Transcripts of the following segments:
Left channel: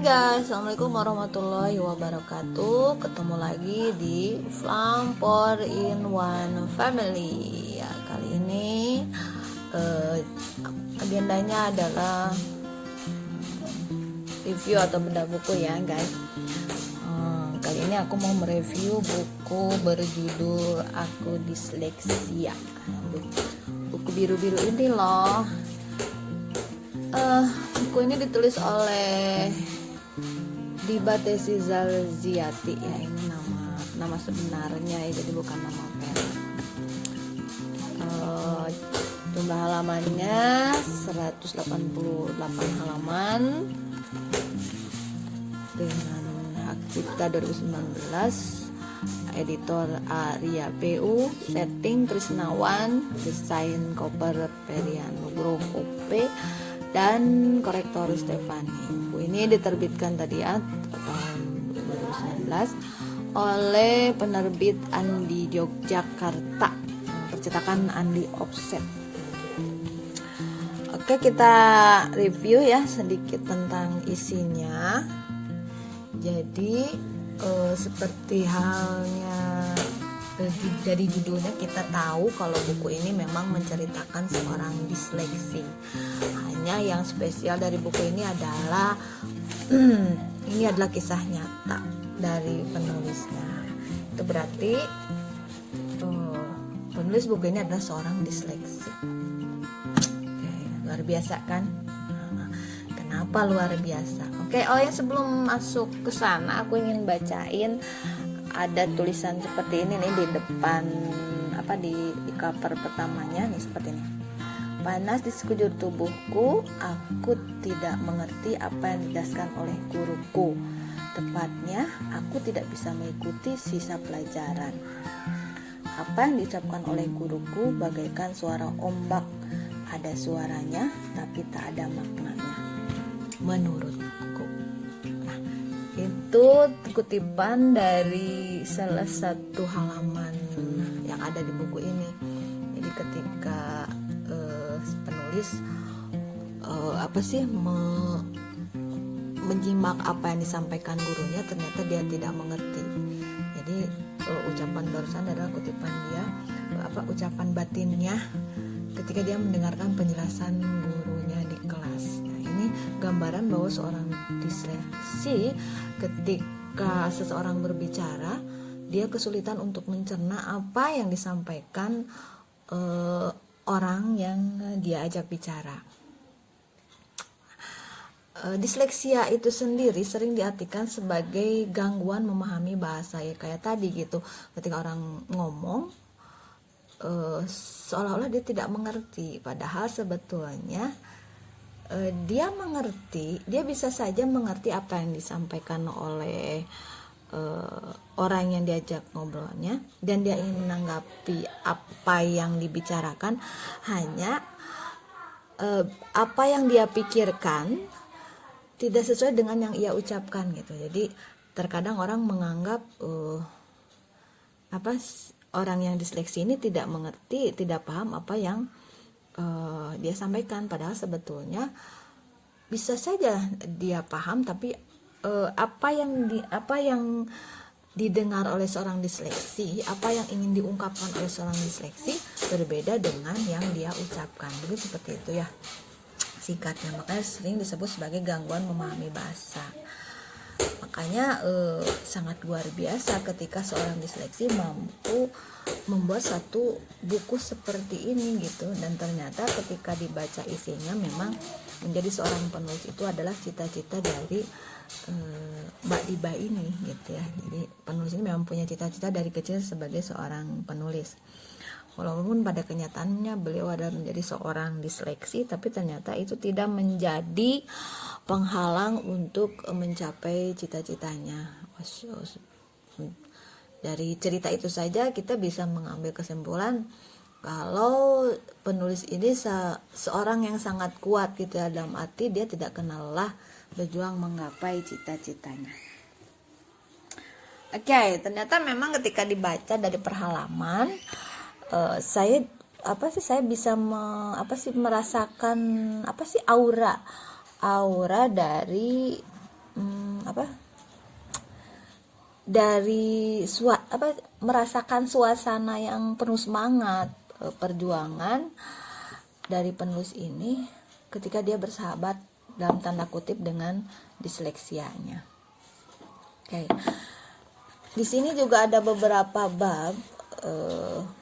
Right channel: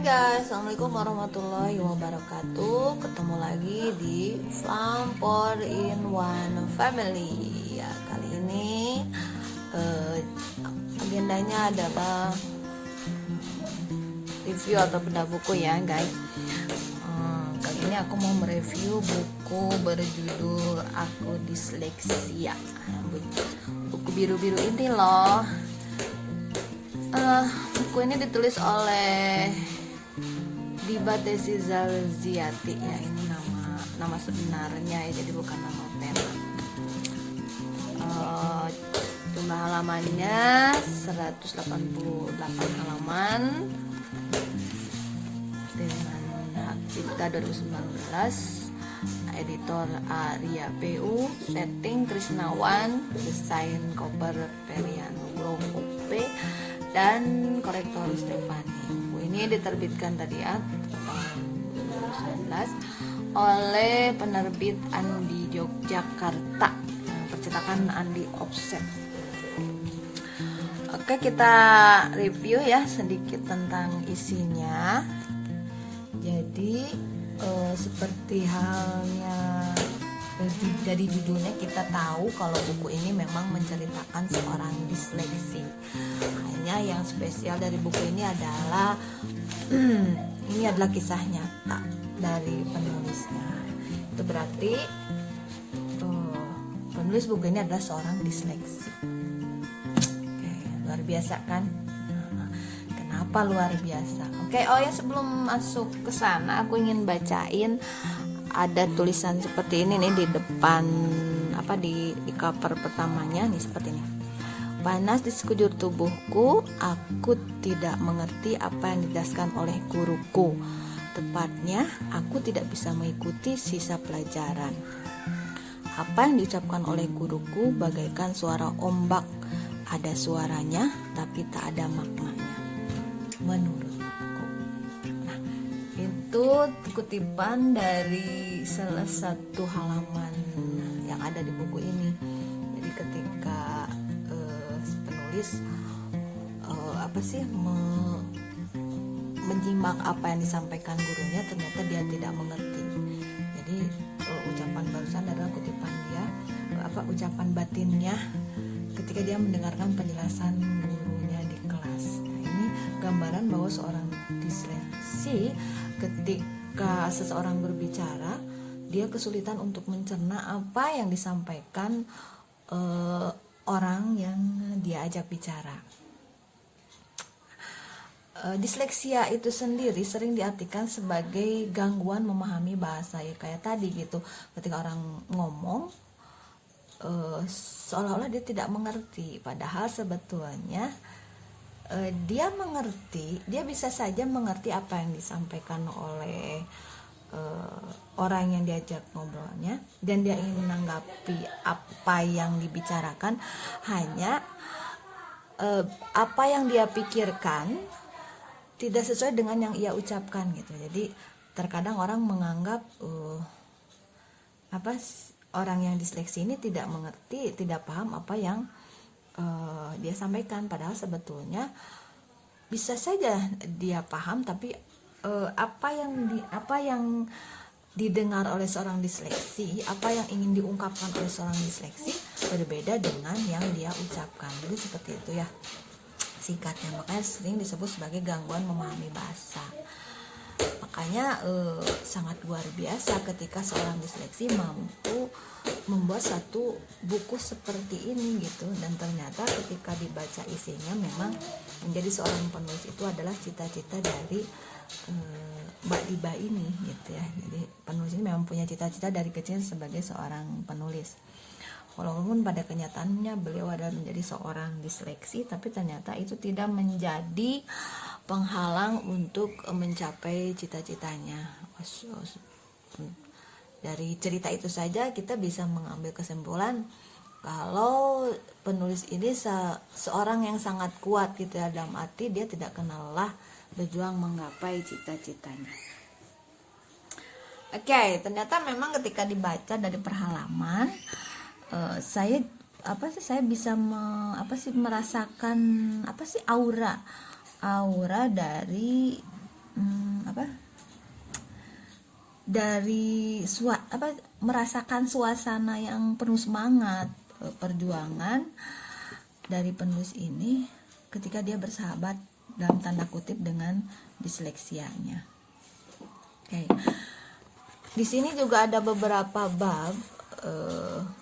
Guys, assalamualaikum warahmatullahi wabarakatuh. Ketemu lagi di Flam 4-in-1 Family. Ya, kali ini agendanya adalah review atau bedah buku ya guys. Kali ini aku mau mereview buku berjudul Aku Disleksia. Buku biru-biru ini loh. Buku ini ditulis oleh Diba Tesi Zalziati ya, ini nama sebenarnya ya, jadi bukan nama pen. Jumlah halamannya 188 halaman dengan hak cipta 2019, editor Arya PU, setting Krisnawan, desain Koper Perianugroho P, dan korektor Stefani. Buku ini diterbitkan tadi ya tahun 2019 oleh penerbit Andi Yogyakarta, percetakan Andi Offset. Oke, kita review ya sedikit tentang isinya. Jadi seperti halnya dari judulnya kita tahu kalau buku ini memang menceritakan seorang disleksi. Hanya yang spesial dari buku ini adalah ini adalah kisah nyata dari penulisnya. Itu berarti penulis buku ini adalah seorang disleksi. Oke, luar biasa kan? Kenapa luar biasa? Oke, ya sebelum masuk ke sana aku ingin bacain. Ada tulisan seperti ini nih di depan di cover pertamanya nih, seperti ini. Panas di sekujur tubuhku, aku tidak mengerti apa yang dijelaskan oleh guruku. Tepatnya, aku tidak bisa mengikuti sisa pelajaran. Apa yang diucapkan oleh guruku bagaikan suara ombak. Ada suaranya, tapi tak ada maknanya. Menurutku. Itu kutipan dari salah satu halaman yang ada di buku ini. Jadi ketika penulis menyimak apa yang disampaikan gurunya, ternyata dia tidak mengerti. Jadi ucapan barusan adalah kutipan dia, ucapan batinnya ketika dia mendengarkan penjelasan gurunya di kelas. Nah, ini gambaran bahwa seorang disleksi ketika seseorang berbicara, dia kesulitan untuk mencerna apa yang disampaikan orang yang dia ajak bicara. Disleksia itu sendiri sering diartikan sebagai gangguan memahami bahasa, ya kayak tadi gitu. Ketika orang ngomong seolah-olah dia tidak mengerti, padahal sebetulnya dia mengerti, dia bisa saja mengerti apa yang disampaikan oleh orang yang diajak ngobrolnya, dan dia ingin menanggapi apa yang dibicarakan, hanya apa yang dia pikirkan tidak sesuai dengan yang ia ucapkan gitu. Jadi terkadang orang menganggap orang yang disleksi ini tidak mengerti, tidak paham apa yang dia sampaikan, padahal sebetulnya bisa saja dia paham, tapi apa yang didengar oleh seorang disleksi, apa yang ingin diungkapkan oleh seorang disleksi berbeda dengan yang dia ucapkan. Jadi seperti itu ya singkatnya, makanya sering disebut sebagai gangguan memahami bahasa. Makanya sangat luar biasa ketika seorang disleksi mampu membuat satu buku seperti ini gitu. Dan ternyata ketika dibaca isinya, memang menjadi seorang penulis itu adalah cita-cita dari Mbak Diba ini gitu ya. Jadi penulis ini memang punya cita-cita dari kecil sebagai seorang penulis. Walaupun pada kenyataannya beliau adalah menjadi seorang disleksi, tapi ternyata itu tidak menjadi penghalang untuk mencapai cita-citanya. Dari cerita itu saja kita bisa mengambil kesimpulan kalau penulis ini seorang yang sangat kuat gitu, dalam arti dia tidak kenal lelah berjuang menggapai cita-citanya. Oke, ternyata memang ketika dibaca dari perhalaman, saya bisa merasakan aura dari apa dari merasakan suasana yang penuh semangat perjuangan dari penulis ini ketika dia bersahabat dalam tanda kutip dengan disleksianya. Oke. Di sini juga ada beberapa bab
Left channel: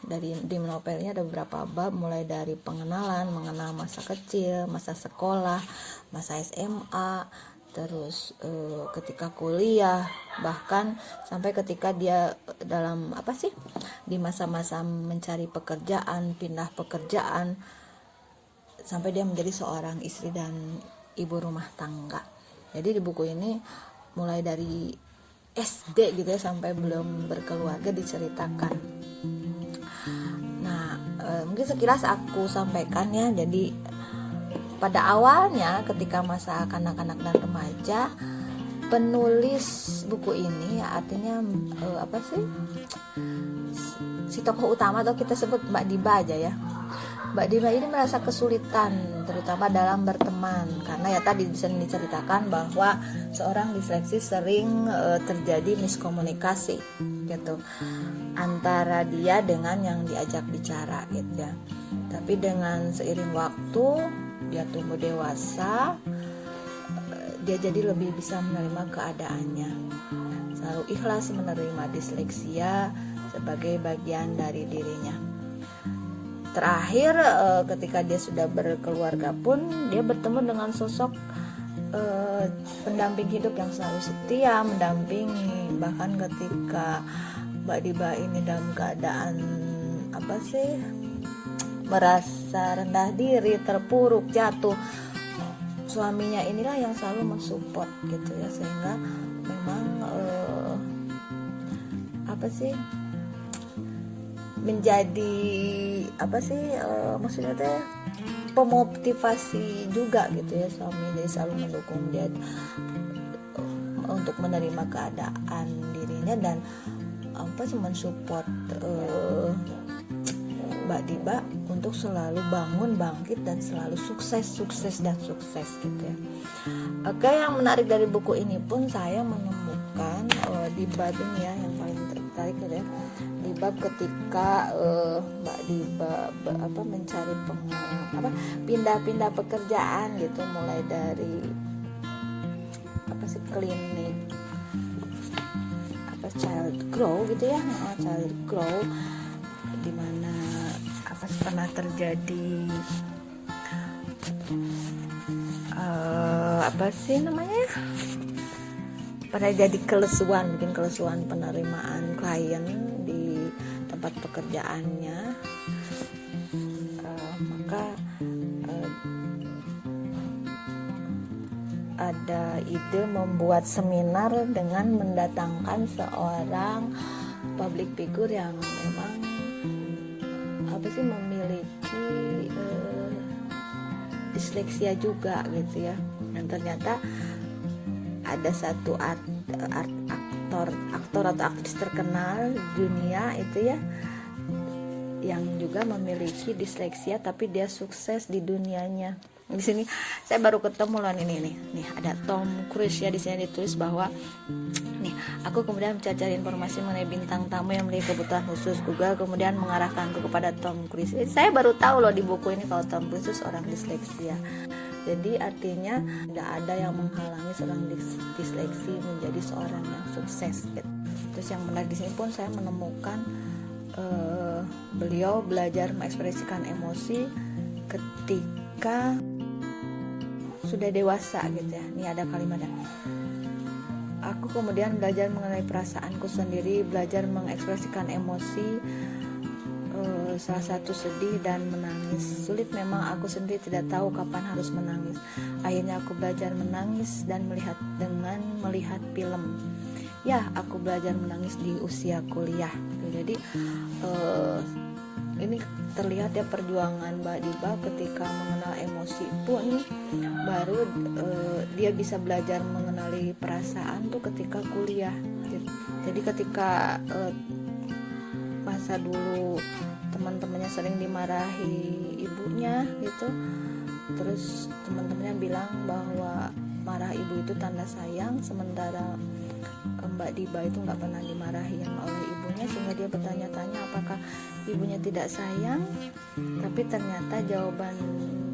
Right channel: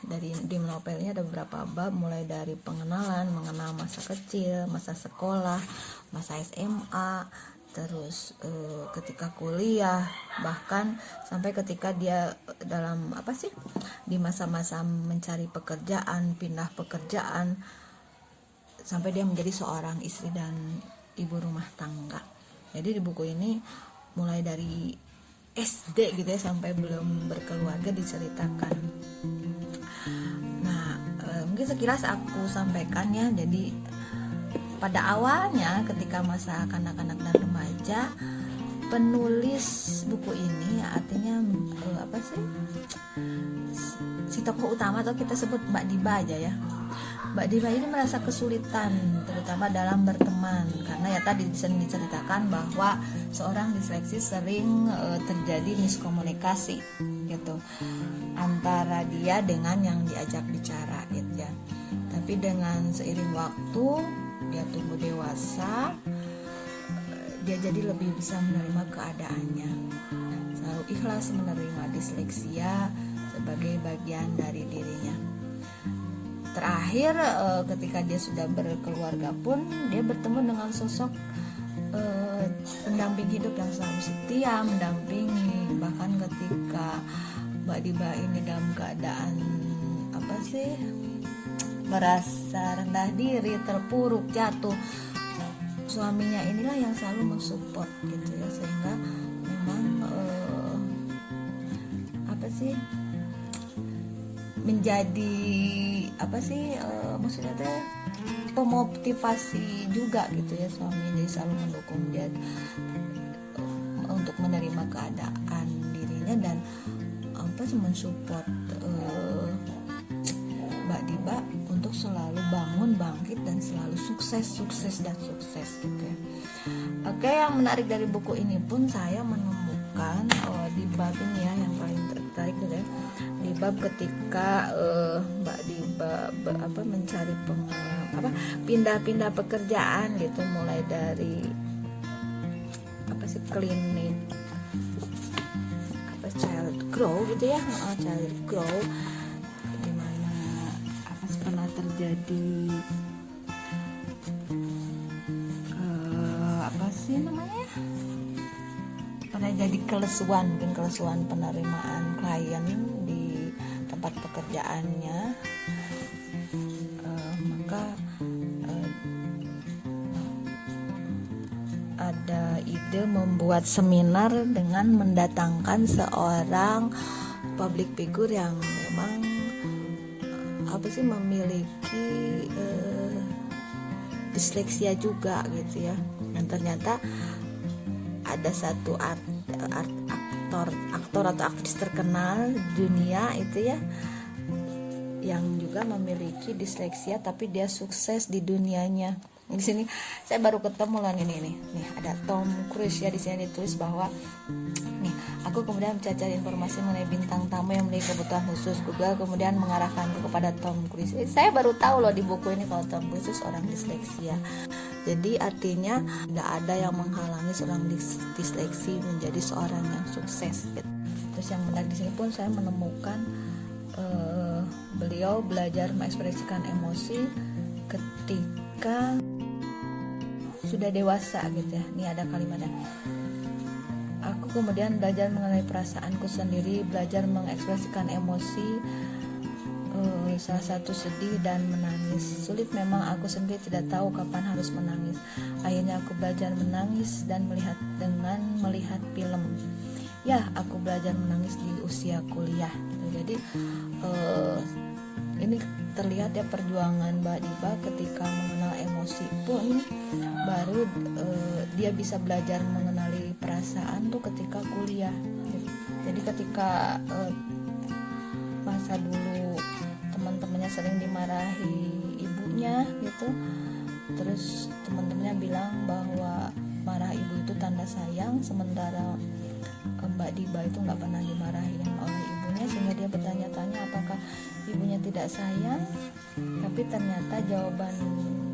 di novelnya ada beberapa bab, mulai dari pengenalan, mengenal masa kecil, masa sekolah, masa SMA, terus ketika kuliah, bahkan sampai ketika dia dalam di masa-masa mencari pekerjaan, pindah pekerjaan, sampai dia menjadi seorang istri dan ibu rumah tangga. Jadi di buku ini mulai dari SD gitu ya sampai belum berkeluarga diceritakan. Nah, mungkin sekilas aku sampaikan ya. Jadi pada awalnya ketika masa kanak-kanak dan remaja, penulis buku ini artinya si tokoh utama atau kita sebut Mbak Diba aja ya. Mbak Diba ini merasa kesulitan terutama dalam berteman karena ya tadi diceritakan bahwa seorang disleksi sering terjadi miskomunikasi gitu antara dia dengan yang diajak bicara gitu ya. Tapi dengan seiring waktu dia tumbuh dewasa, dia jadi lebih bisa menerima keadaannya, selalu ikhlas menerima disleksia sebagai bagian dari dirinya. Terakhir ketika dia sudah berkeluarga pun dia bertemu dengan sosok pendamping hidup yang selalu setia mendampingi, bahkan ketika Mbak Diba ini dalam keadaan merasa rendah diri, terpuruk, jatuh, suaminya inilah yang selalu mensupport gitu ya, sehingga memang menjadi maksudnya teh pemotivasi juga gitu ya, suami jadi selalu mendukung dia untuk menerima keadaan dirinya dan mensupport Mbak Diba untuk selalu bangun, bangkit dan selalu sukses gitu ya. Oke, yang menarik dari buku ini pun saya menemukan di bab ini ya yang paling tertarik gitu ya. Di bab ketika Mbak Diba mencari pindah-pindah pekerjaan gitu, mulai dari klinik child grow gitu ya, child grow dimana pernah terjadi pernah jadi kelesuan penerimaan klien di tempat pekerjaannya, maka ada ide membuat seminar dengan mendatangkan seorang public figure yang memang memiliki disleksia juga gitu ya. Dan ternyata ada satu aktor atau aktris terkenal dunia itu ya yang juga memiliki disleksia tapi dia sukses di dunianya. Di sini saya baru ketemu loh nih ada Tom Cruise ya, di sini ditulis bahwa nih, aku kemudian mencari informasi mengenai bintang tamu yang memiliki kebutuhan khusus. Google kemudian mengarahkanku kepada Tom Cruise. Saya baru tahu loh di buku ini kalau Tom Cruise itu seorang disleksia. Jadi artinya tidak ada yang menghalangi seorang disleksi menjadi seorang yang sukses. Terus yang menarik di sini pun saya menemukan beliau belajar mengekspresikan emosi ketika sudah dewasa gitu ya. Ini ada kalimatnya. Aku kemudian belajar mengenai perasaanku sendiri, belajar mengekspresikan emosi, salah satu sedih dan menangis. Sulit memang, aku sendiri tidak tahu kapan harus menangis. Akhirnya aku belajar menangis dan melihat film. Ya, aku belajar menangis di usia kuliah. Jadi ini terlihat ya perjuangan Mbak Diba ketika mengenal emosi pun baru dia bisa belajar mengenali perasaan tuh ketika kuliah. Jadi ketika masa dulu teman-temannya sering dimarahi ibunya gitu, terus teman-temannya bilang bahwa marah ibu itu tanda sayang, sementara Mbak Diba itu nggak pernah dimarahin oleh ibunya, sehingga dia bertanya-tanya apakah ibunya tidak sayang. Tapi ternyata jawaban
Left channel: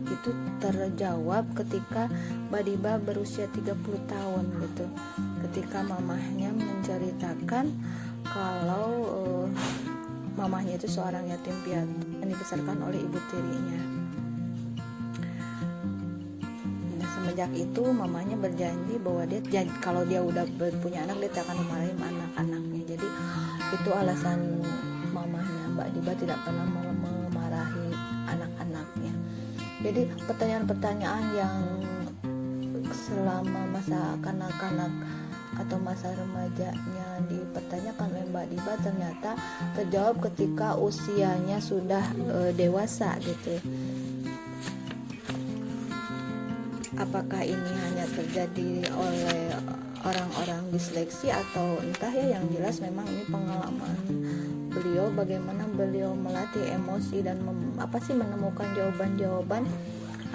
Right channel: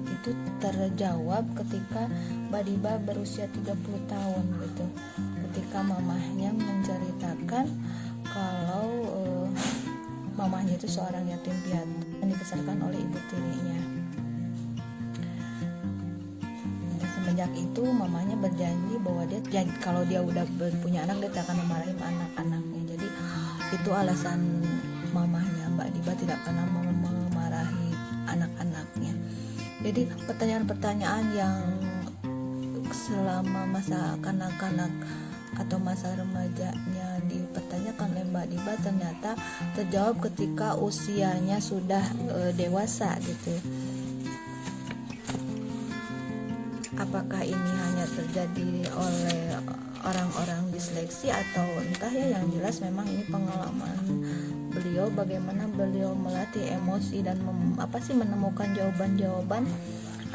itu terjawab ketika Mbak Diba berusia 30 tahun gitu, ketika mamahnya menceritakan kalau mamahnya itu seorang yatim piatu yang dibesarkan oleh ibu tirinya. Dan semenjak itu mamanya berjanji bahwa dia kalau dia udah punya anak, dia tidak akan memarahi anak-anaknya. Jadi itu alasan mamahnya Mbak Diba tidak pernah memarahi anak-anaknya. Jadi pertanyaan-pertanyaan yang selama masa kanak-kanak atau masa remajanya dipertanyakan oleh Mbak Diba ternyata terjawab ketika usianya sudah dewasa gitu. Apakah ini hanya terjadi oleh orang-orang disleksi atau entah ya, yang jelas memang ini pengalaman beliau, bagaimana beliau melatih emosi dan menemukan jawaban-jawaban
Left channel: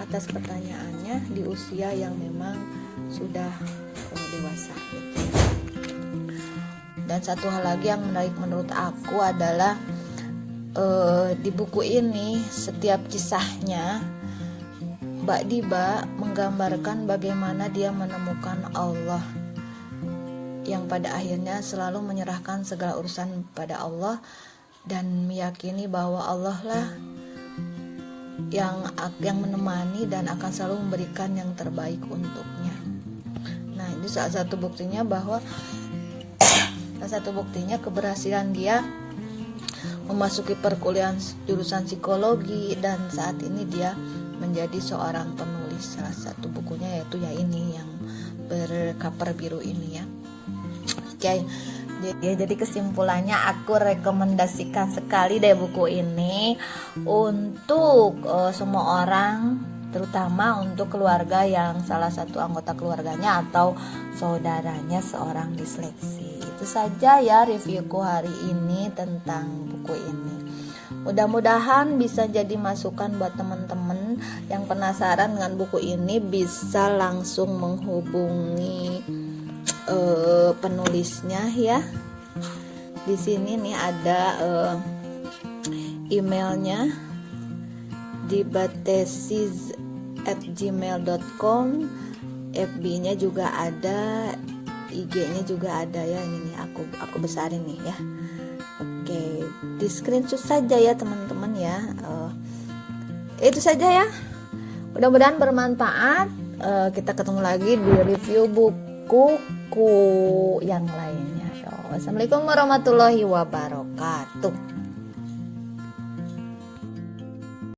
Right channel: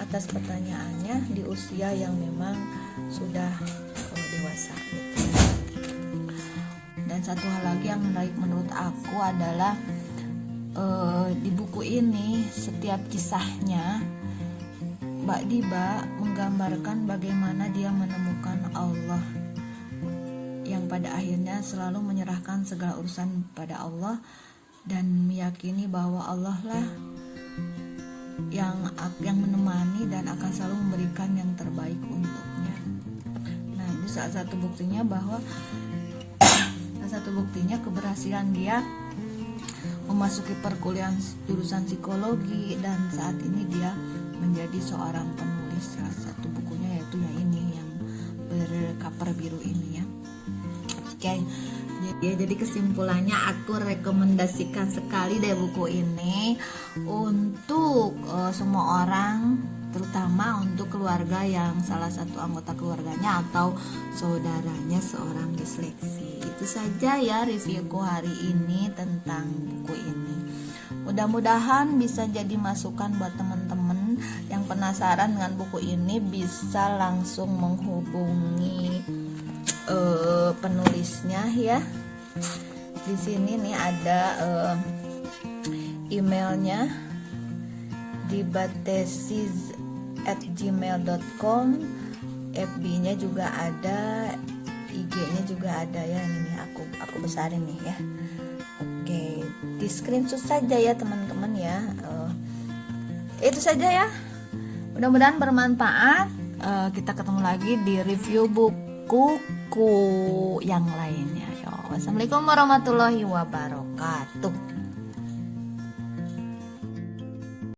atas pertanyaannya di usia yang memang sudah dewasa gitu. Dan satu hal lagi yang menarik menurut aku adalah di buku ini setiap kisahnya Mbak Diba menggambarkan bagaimana dia menemukan Allah, yang pada akhirnya selalu menyerahkan segala urusan pada Allah dan meyakini bahwa Allah lah yang menemani dan akan selalu memberikan yang terbaik untuknya. Nah, ini salah satu buktinya keberhasilan dia memasuki perkuliahan jurusan psikologi, dan saat ini dia menjadi seorang penulis. Salah satu bukunya yaitu ini yang bercover biru ini ya. Oke. Jadi kesimpulannya aku rekomendasikan sekali deh buku ini untuk semua orang, terutama untuk keluarga yang salah satu anggota keluarganya atau saudaranya seorang disleksi. Itu saja ya reviewku hari ini tentang buku ini. Mudah-mudahan bisa jadi masukan buat teman-teman yang penasaran dengan buku ini, bisa langsung menghubungi penulisnya ya. Di sini nih ada emailnya, dibatesis@gmail.com, FB-nya juga ada, IG-nya juga ada ya. Ini aku besarin nih ya. Oke, di screenshot saja ya teman-teman ya. Itu saja ya. Mudah-mudahan bermanfaat. Kita ketemu lagi di review buku yang lainnya. Yo, wassalamualaikum warahmatullahi wabarakatuh.